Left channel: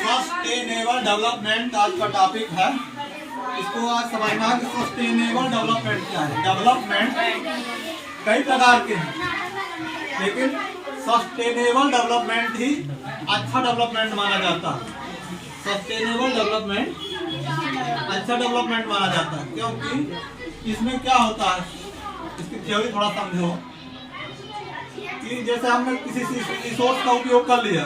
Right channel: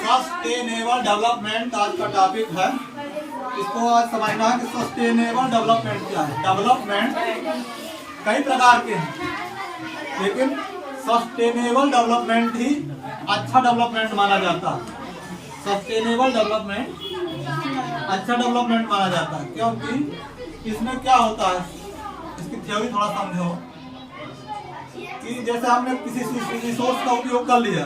Sustainable development आज का topic है। इसको आज समझना है कि सस्टेनेबल डेवलपमेंट क्या है। डेवलपमेंट कई प्रकार के हैं, लेकिन सस्टेनेबल डेवलपमेंट ही अच्छा डेवलपमेंट माना जाता है। सस्टेनेबल डेवलपमेंट अच्छा डेवलपमेंट माना जाता है, क्योंकि इसमें क्या होता है, इसकी थ्योरी थोड़ा समझो कि जैसे हमने किसी रिसोर्स का उपयोग कर लिया,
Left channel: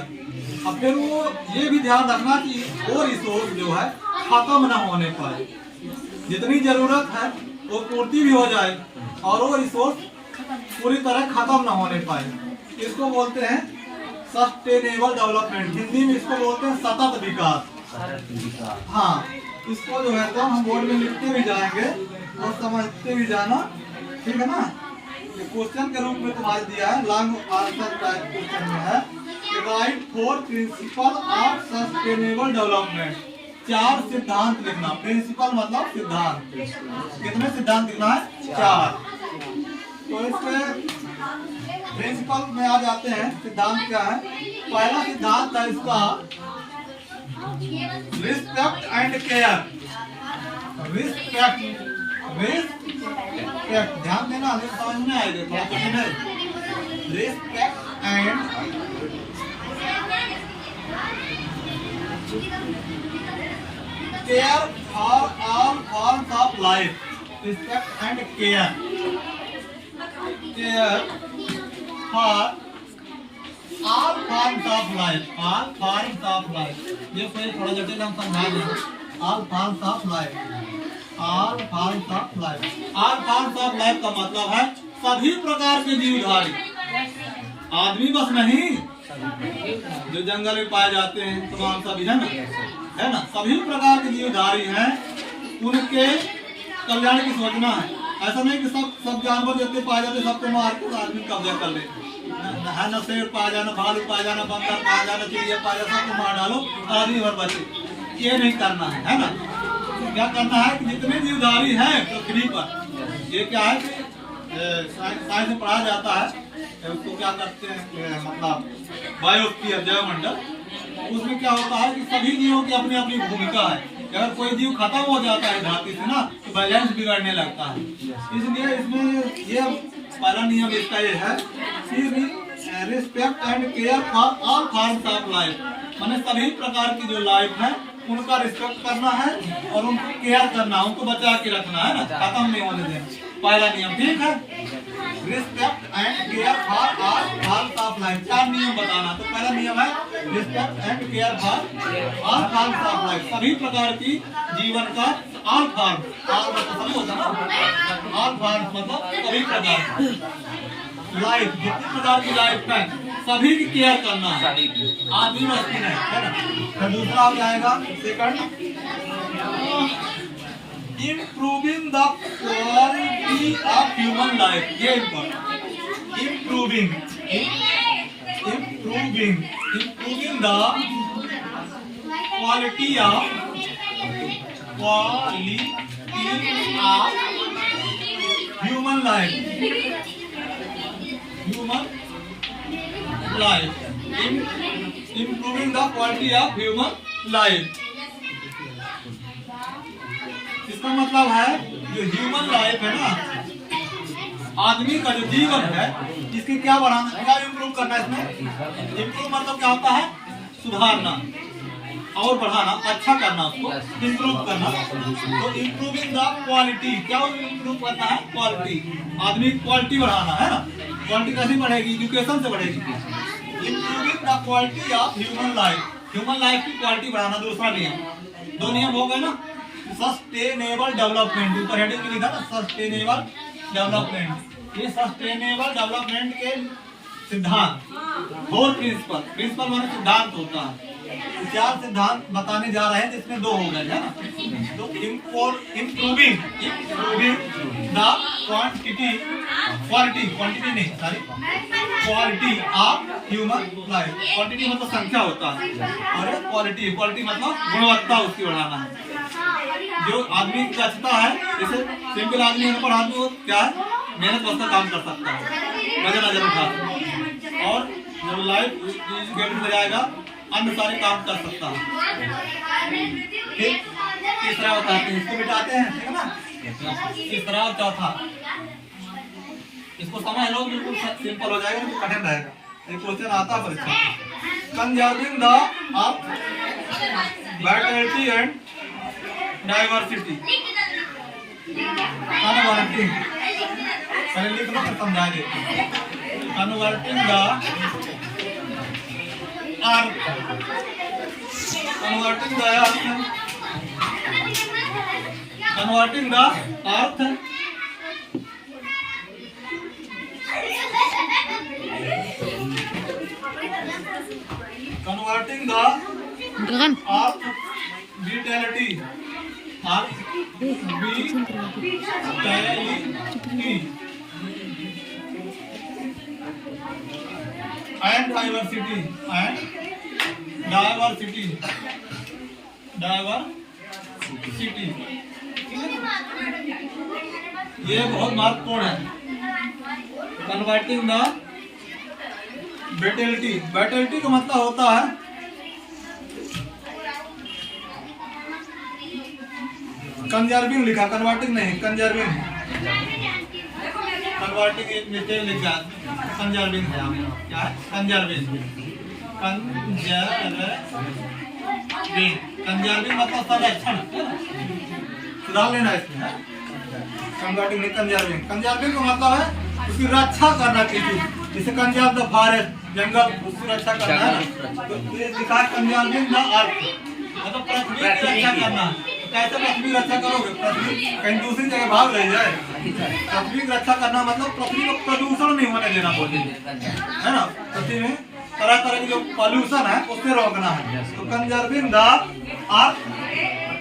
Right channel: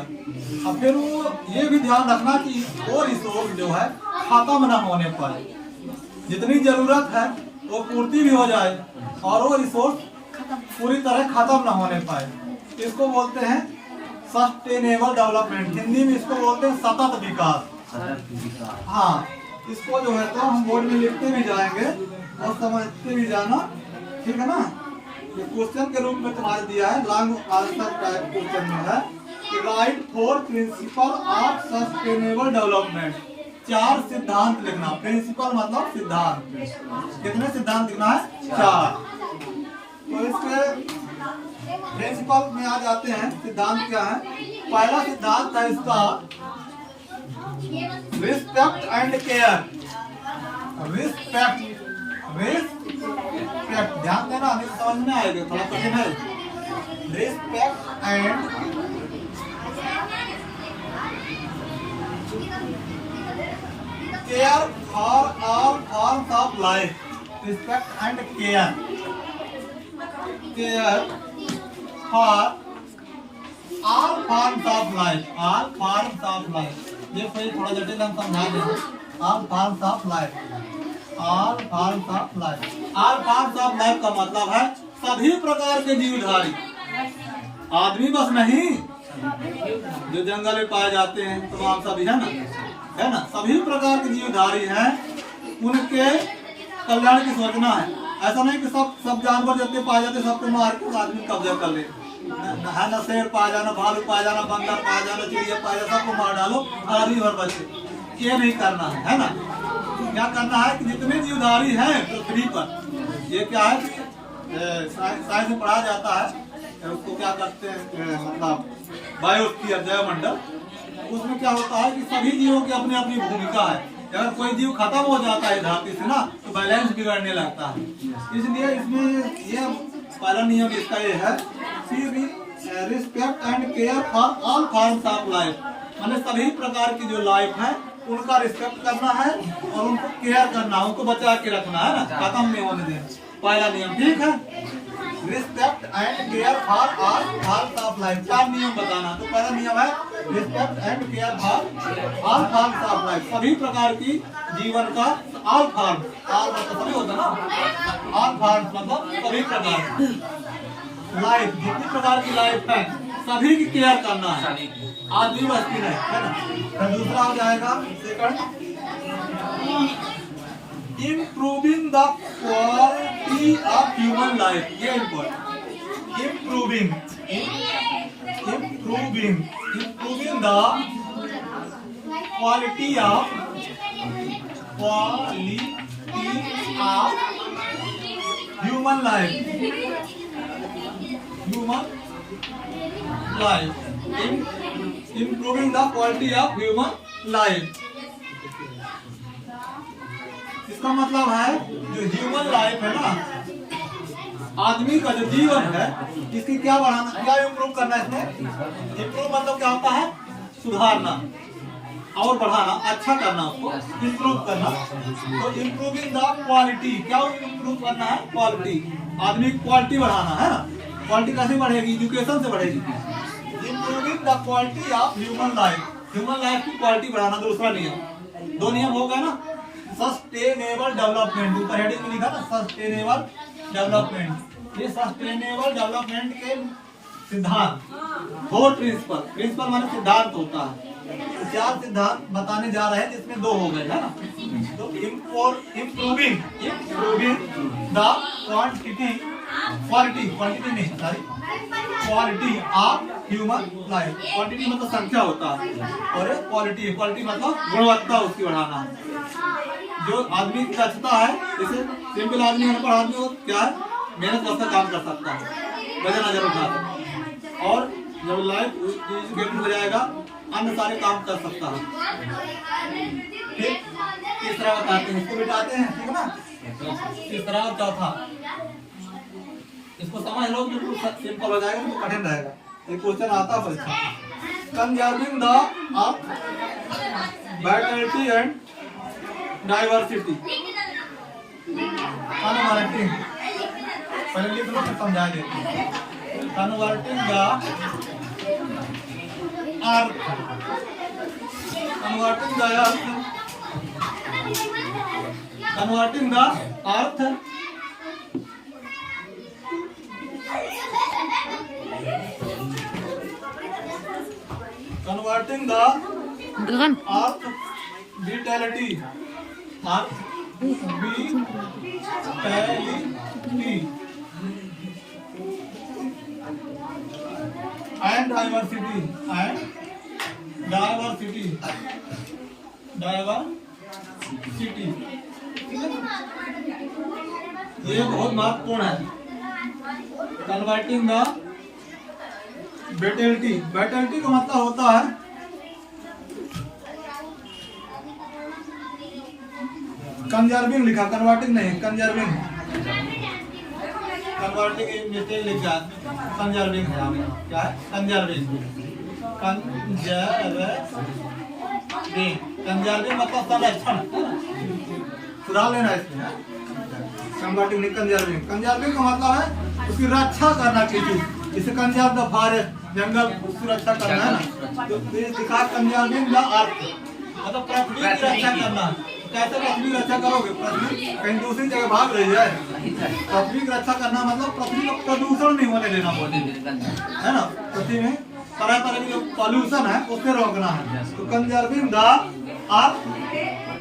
अब फिर वो ये भी ध्यान रखना कि वो रिसोर्स जो है खत्म न होने पाए, जितनी जरूरत है वो पूर्ति भी हो जाए और वो रिसोर्स पूरी तरह खत्म न होने पाए। इसको बोलते हैं सस्टेनेबल डेवलपमेंट। हिंदी में इसको बोलते हैं सतत विकास। हाँ, इसको जो है तो हम बोर्ड में लिखते भी जाएंगे और समझते भी जाना, ठीक है ना। ये क्वेश्चन के रूप में तुम्हारे दिया है, लॉन्ग आंसर टाइप क्वेश्चन में है। Right 4 principle of sustainable development. 4 सिद्धांत लिखना। प्रिंसिपल मतलब सिद्धांत। कितने सिद्धांत लिखना है? 4। तो इसके प्रिंसिपल में आ जाते हैं। सिद्धांत क्या है? पहला सिद्धांत है इसका रिस्पेक्ट एंड केयर। रिस्पेक्ट, ध्यान देना, नहीं समझ में आएगा, थोड़ा कठिन है। Respect and care for all forms of life. Respect and care for all forms of life. All forms of life, ये फिर थोड़ा जटिल हम समझा देंगे। All forms of life. All forms of life. All forms of life का मतलब है सभी प्रकार के जीवधारी। आदमी बस नहीं, जो जंगल में पाए जाते हैं तमाम सभी, है ना, सभी प्रकार के जीवधारी हैं, उनके कल्याण की सोचना है। ऐसा नहीं कि सब जानवर जितने पाए जाते सबको मार के आदमी कब्जा कर ले, है ना। शेर पाया जाना, भालू पाया जाना, बंदर पाया जाना, चिड़िया पाया जाना, सबको मार डालो, आदमी और बचे। ये नहीं करना है ना। क्या करना है कि जितने जीवधारी हैं पृथ्वी पर, ये क्या है, साइंस में पढ़ा जाता है, उसको क्या करते हैं, मतलब बायोस्फीयर, जैवमंडल। उसमें क्या होता है कि सभी जीवों की अपनी अपनी भूमिका है। अगर कोई जीव खत्म हो जाता है धरती से ना, तो बैलेंस बिगड़ने लगता है। इसलिए इसमें ये पहला नियम इसका ये है, respect and care for all forms of life. माने सभी प्रकार की जो लाइफ है उनका रिस्पेक्ट करना है और उनको केयर करना है, उनको बचा के रखना है ना, खत्म नहीं होने देना। पहला नियम, ठीक है। Respect and care for all forms of life. 4 नियम बताना। तो पहला नियम है respect and care for all forms of life. सभी प्रकार की जीवन का ऑल फॉर्म, ऑल मतलब सभी होता है ना, ऑल फॉर्म्स मतलब सभी प्रकार लाइफ, जितनी प्रकार की लाइफ है सभी की केयर करना है, आदमी बस्ती नहीं, है ना। तो दूसरा हो जाएगा second, improving the quality of human life. ये important, improving the quality of human life. Improving the quality of human life। इसका मतलब है जो ह्यूमन लाइफ है ना, आदमी का जो जीवन है, इसकी क्या बढ़ाना, क्या इम्प्रूव करना। इसमें इम्प्रूव मतलब क्या होता है, सुधारना और बढ़ाना, अच्छा करना, उसको इम्प्रूव करना। तो इम्प्रूविंग द क्वालिटी, क्या इम्प्रूव करना है, क्वालिटी। आदमी की क्वालिटी बढ़ाना है ना। क्वालिटी कैसे बढ़ेगी, एजुकेशन से बढ़ेगी। Improving the quality of human life, human life की क्वालिटी बढ़ाना। दूसरा नियम, 2 नियम हो गए ना। सस्टेनेबल डेवलपमेंट, ऊपर हेडिंग में लिखा ना सस्टेनेबल डेवलपमेंट। ये सस्टेनेबल डेवलपमेंट के सिद्धांत, 4 प्रिंसिपल। प्रिंसिपल माने सिद्धांत होता है। 4 सिद्धांत बताने जा रहे हैं, जिसमें 2 हो गए, है ना। तो improving the quality of human life. Quantity मतलब संख्या होता है और क्वालिटी मतलब गुणवत्ता उसकी बढ़ाना है। जो आदमी की दक्षता है, जैसे सिंपल आदमी अनपढ़ आदमी हो, क्या है, मेहनत वास्ते काम कर सकता है, वजन अगर उठा सकता है। और जब लाइफ एजुकेटेड हो जाएगा, अन्य सारे काम कर सकता है। फिर तीसरा बताते हैं, इसको मिटाते हैं, ठीक है ना। तीसरा और चौथा, इसको समझ लो बिल्कुल सिंपल हो जाएगा, तो कठिन रहेगा। एक क्वेश्चन आता है परीक्षा, conserving the earth Vitality and diversity. Converting, पहले लिख लो फिर समझा देते हैं। Converting the earth, converting the earth, converting the earth converting the earth vitality, earth vitality and diversity, ये बहुत महत्वपूर्ण है। कन्वर्टिंग द विटैलिटी, विटैलिटी का मतलब होता है कंजर्विंग, लिखा कन्वर्टिंग नहीं, कंजर्विंग, कन्वर्टिंग एक मिस्टेक लिखा, कंजर्विंग है आपका, क्या है कंजर्विंग, कंजर्विंग मतलब संरक्षण, सुधार लेना इसमें, कन्वर्टिंग नहीं कंजर्विंग। कंजर्विंग का मतलब है उसकी रक्षा करना चाहिए, जैसे कंजर्व द फॉरेस्ट, जंगल उसकी रक्षा करना है ना। तो दिखा कंजर्विंग द अर्थ मतलब पृथ्वी की रक्षा करना। कैसे पृथ्वी की रक्षा करोगे? पृथ्वी कहीं दूसरी जगह भाग रही है, पृथ्वी की रक्षा करना मतलब पृथ्वी को प्रदूषण नहीं होने देना बोले, है ना। पृथ्वी में तरह तरह की जो पॉल्यूशन है उससे रोकना है। तो conserving the earth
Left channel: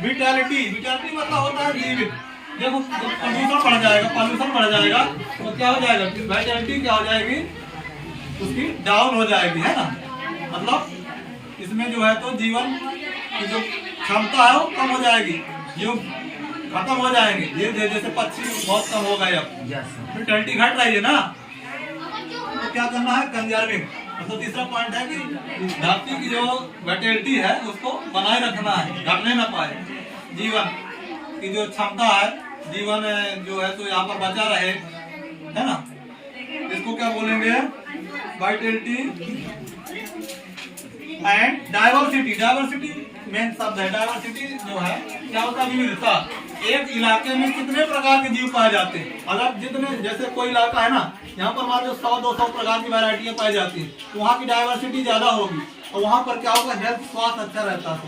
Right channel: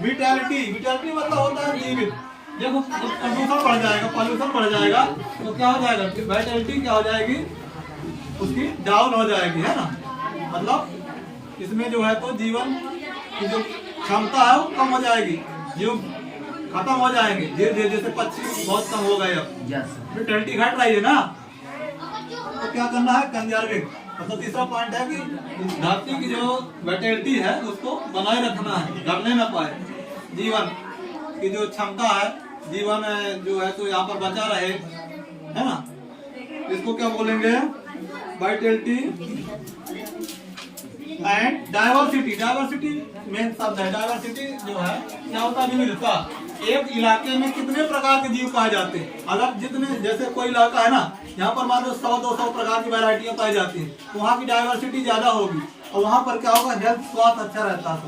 vitality, vitality मतलब होता है जीवित। देखो प्रदूषण बढ़ जाएगा, पॉल्यूशन बढ़ जाएगा तो क्या हो जाएगा, विटैलिटी क्या हो जाएगी, उसकी डाउन हो जाएगी, है ना। मतलब इसमें जो है तो जीवन की जो क्षमता है वो कम हो जाएगी, जो खत्म हो जाएंगे। जैसे पक्षी बहुत कम हो गए, अब विटैलिटी घट रही है ना, तो क्या करना है, कंजर्विंग। मतलब तीसरा पॉइंट है कि धरती की जो विटैलिटी है उसको बनाए रखना है, घटने ना पाए। जीवन की जो क्षमता है, जीवन जो है तो यहाँ पर बचा रहे, है ना। इसको क्या बोलेंगे, Vitality and diversity. Diversity main शब्द है। डाइवर्सिटी जो है क्या होता है, विविधता। एक इलाके में कितने प्रकार के जीव पाए जाते हैं, अलग जितने, जैसे कोई इलाका है ना, यहाँ पर मान लो 100-200 प्रकार की वैरायटियां पाई जाती हैं, तो वहाँ की डाइवर्सिटी ज्यादा होगी और वहाँ पर क्या होगा, हेल्थ स्वास्थ्य अच्छा रहता है।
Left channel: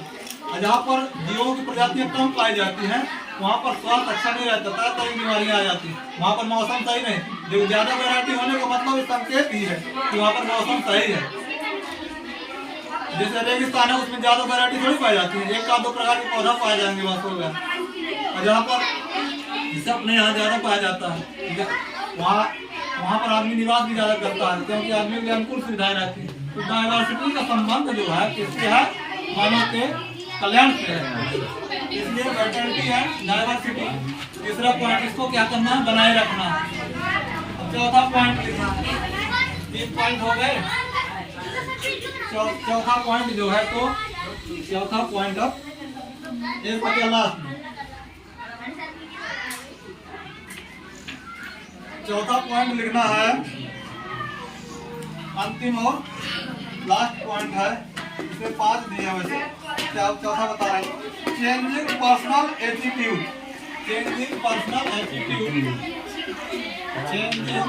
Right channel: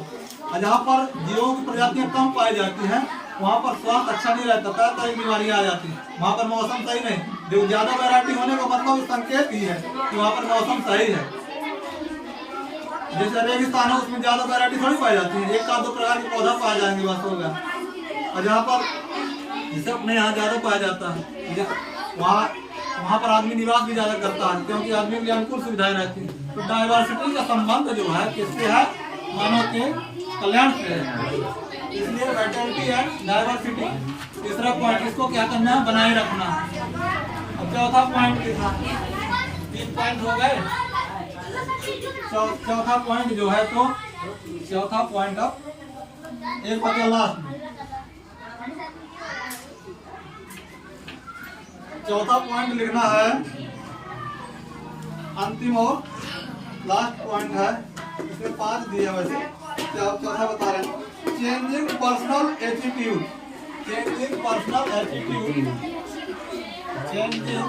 और जहाँ पर जीवों की प्रजातियां कम पाई जाती हैं वहाँ पर स्वास्थ्य अच्छा नहीं रहता, तरह तरह की बीमारियां आ जाती हैं। वहाँ पर मौसम सही नहीं, जो ज्यादा वैरायटी होने का मतलब इस संकेत ही है कि वहाँ पर मौसम सही है। जैसे रेगिस्तान है उसमें ज्यादा वैरायटी थोड़ी पाई जाती है, एक का दो प्रकार के पौधा पाए जाएंगे बस, हो गया। और जहाँ पर जैसे अपने यहाँ ज्यादा पाया जाता है, वहाँ पर आदमी निवास भी ज्यादा करता है क्योंकि आदमी के लिए अनुकूल सुविधाएं रहती है। तो डाइवर्सिटी का संबंध जो है किससे है, मानव के कल्याण से है। इसलिए विटैलिटी है डाइवर्सिटी। तीसरा पॉइंट, इसको क्या करना है, बनाए रखना है। अब चौथा पॉइंट लिखना है, 3 पॉइंट हो गए। चौथा पॉइंट जो है तो चौथा पॉइंट अब एक बचा लास्ट में। चौथा पॉइंट लिखना है, अंतिम और लास्ट पॉइंट है, इसमें 5 दिया वैसे, क्या चौथा बता रहे हैं, changing personal attitude. Changing personal attitude, changing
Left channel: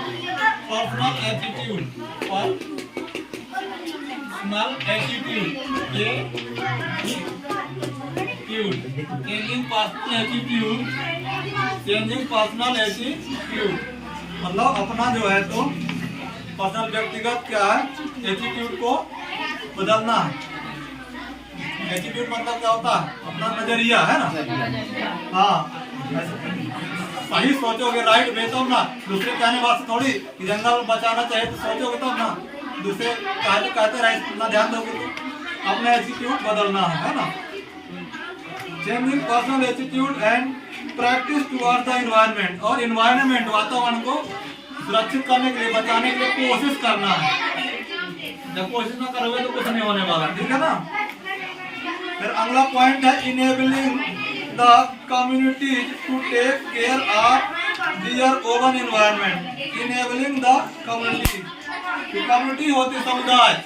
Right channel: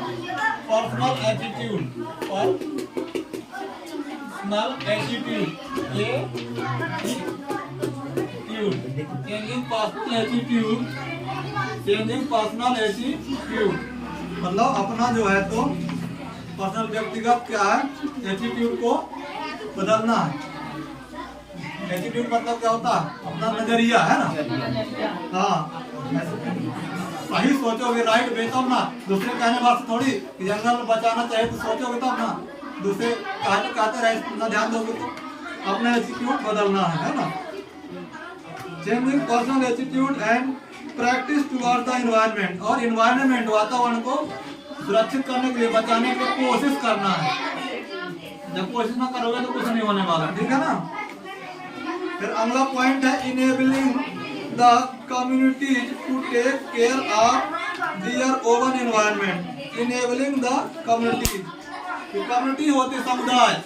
personal attitude, personal attitude, changing personal attitude, changing personal attitude मतलब अपना जो है तो पर्सनल व्यक्तिगत क्या है, एटीट्यूड को बदलना है। एटीट्यूड मतलब क्या होता है, अपना नजरिया, है ना। हाँ, सही सोचोगे राइट वे तब ना, दूसरे कहने बात थोड़ी कि जंगल बचाना चाहिए तो सोचोगे तब ना, दूसरे कहते रहे इतना ध्यान दोगे तो अपना एटीट्यूड बदलना है ना। Changing personal attitude and practice toward the environment, और एनवायरनमेंट वातावरण को सुरक्षित करने के लिए, बचाने के लिए कोशिश करना है। जब कोशिश ना करोगे तो कुछ नहीं होने वाला, ठीक है ना। फिर अगला पॉइंट है enabling the community to take care of their own environment. Enabling the community, community होती समुदाय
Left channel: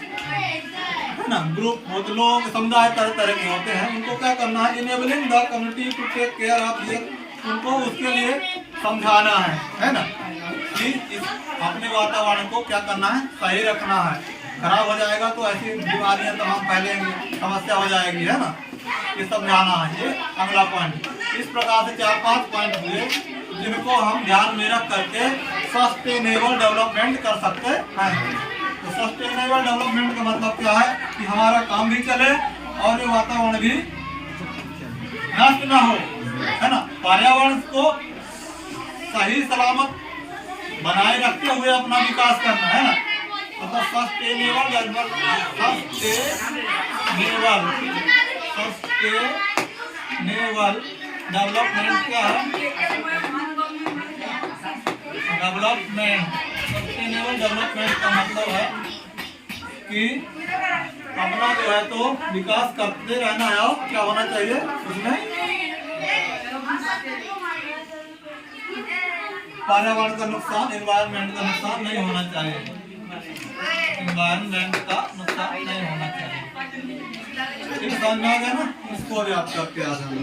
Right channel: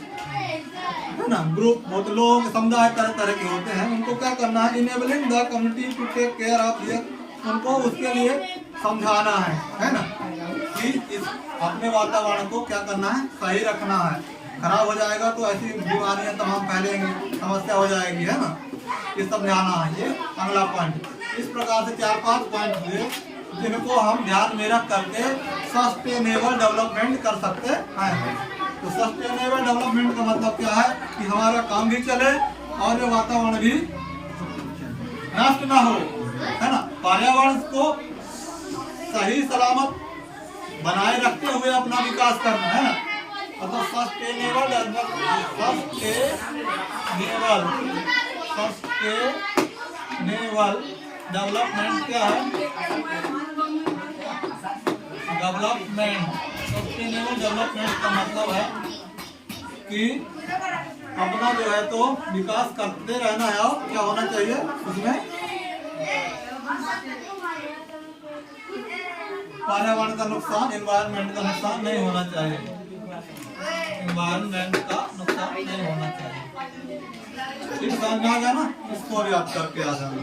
है ना, ग्रुप होते लोग, समुदाय तरह तरह के होते हैं, उनको क्या करना है, enabling the community to take care of their, उनको उसके लिए समझाना है ना, कि इस अपने वातावरण को क्या करना है, सही रखना है। खराब हो जाएगा तो ऐसी बीमारियां तमाम फैलेंगी, समस्या हो जाएगी, है ना, ये समझाना है। ये अगला पॉइंट। इस प्रकार से 4-5 पॉइंट हुए जिनको हम ध्यान में रख करके सस्टेनेबल डेवलपमेंट कर सकते हैं। तो सस्टेनेबल डेवलपमेंट का मतलब क्या है कि हमारा काम भी चले और ये वातावरण भी नष्ट ना हो, है ना। पर्यावरण को सही सलामत बनाए रखते हुए अपना विकास करना, है ना। मतलब सस्टेनेबल डेवलपमेंट क्या है, सस्टेनेबल डेवलपमेंट का मतलब है कि अपना जो है तो विकास करते रहना है, और क्या होना चाहिए उसमें, पर्यावरण का नुकसान, एनवायरनमेंट का नुकसान नहीं होना चाहिए, एनवायरनमेंट का नुकसान नहीं होना चाहिए। ठीक समझ में आ गया ना, इसको भी याद करके आ जाना।